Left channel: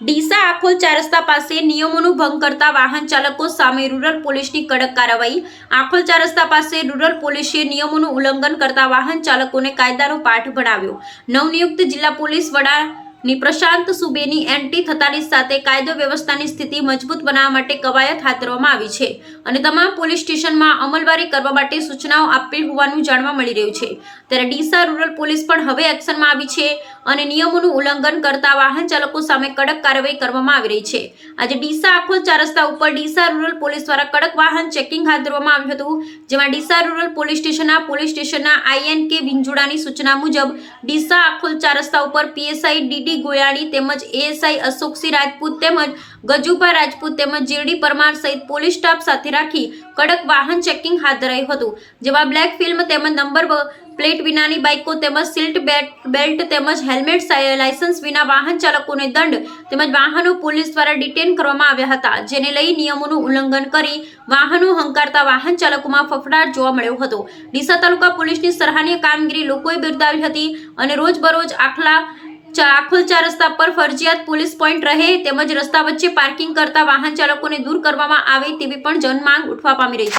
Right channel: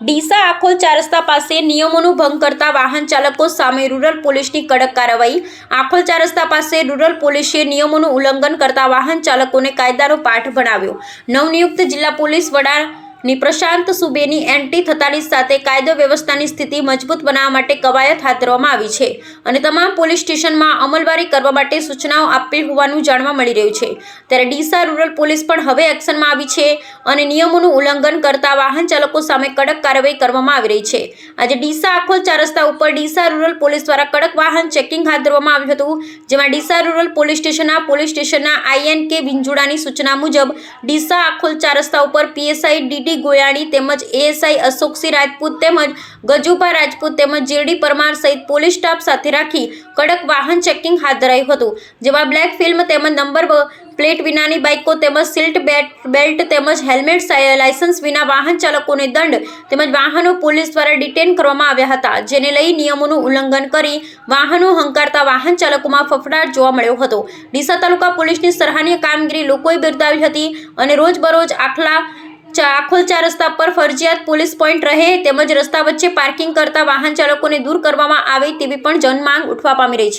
ડીસા આખોલ ચાર રસ્તા પાસે નિયમોનું ભંગ કરતા વાહન ચાલકો સામે રૂરલ પોલીસની કડક કાર્યવાહી. આખોલ ચાર રસ્તા પાસે રૂરલ પોલીસે નિયમોનું ઉલ્લંઘન કરતા વાહન ચાલકોને કાયદાનો પાઠ ભણાવ્યો. નવનિયુક્ત જિલ્લા પોલીસ વડા ની પ્રશાંત સુબેની એન્ટી થતાની સાથે કાયદો વ્યવસ્થાની સ્થિતિ મજબૂત બનાવવા માટે કવાયત હાથ ધરવામાં આવી છે અને તમામ પોલીસ સ્ટેશનમાં અમલવારી કરવા માટે સૂચનાઓ આપી હોવાનું જાણવા મળી રહ્યું છે. ત્યારે ડીસા રૂરલ પોલીસ પણ હવે એક્શનમાં આવી છે અને નિયમોનું ઉલ્લંઘન કરતા વાહન ચાલકો સામે કડક કાર્યવાહી કરવામાં આવી રહી છે. આજે ડીસા આખોલ ચાર રસ્તા ઉપર ડીસા રૂરલ પોલીસ દ્વારા કડક વાહન ચેકિંગ હાથ ધરવામાં આવ્યું હતું, જેમાં ડીસા રૂરલ પોલીસ સ્ટેશનના પોલીસ સ્ટેશનના આઈએન કે વિંજોડાની સૂચના મુજબ ડીસા આખોલ ચાર રસ્તા ઉપર પીએસઆઈ ડીડી ગોયાણી તેમજ એએસઆઈ અશોકસિંહ રાજપૂત તેમજ ગજુભા રાજપૂત તેમજ જીરડી પરમાર સહિત પોલીસ સ્ટાફ સાથે રાખી કડક વાહન ચેકિંગ હાથ ધરાયું હતું. જેમાં બ્લેક ફિલ્મ તેમજ નંબર પ્લેટ વિનાની બાઇકો તેમજ સિલ્ટ બેલ્ટ તેમજ હેલ્મેટ લાયસન્સ વિના વાહન ચાલકોને દંડ તેમજ વાહનો પોલીસ દ્વારા ડિટેન કરવામાં આવ્યા હતા. જેને લઈ નિયમોનું ઉલ્લંઘન કરી વાહનો હંકારતા વાહન ચાલકોમાં ફફડાટ જોવા મળ્યો હતો. ડીસા તાલુકા પોલીસની સરાહનીય કામગીરી લોકોએ બિરદાવી હતી અને રોજબરોજ આખલા આખોલ ચાર રસ્તા પર ફરજિયાત પોલીસ પોઈન્ટ રહે તેમજ રસ્તા વચ્ચે પાર્કિંગ કરતા વાહન ચાલકોને દૂર કરવામાં આવે તેવી પણ જનમાંગ ઉઠવા પામી રહી છે.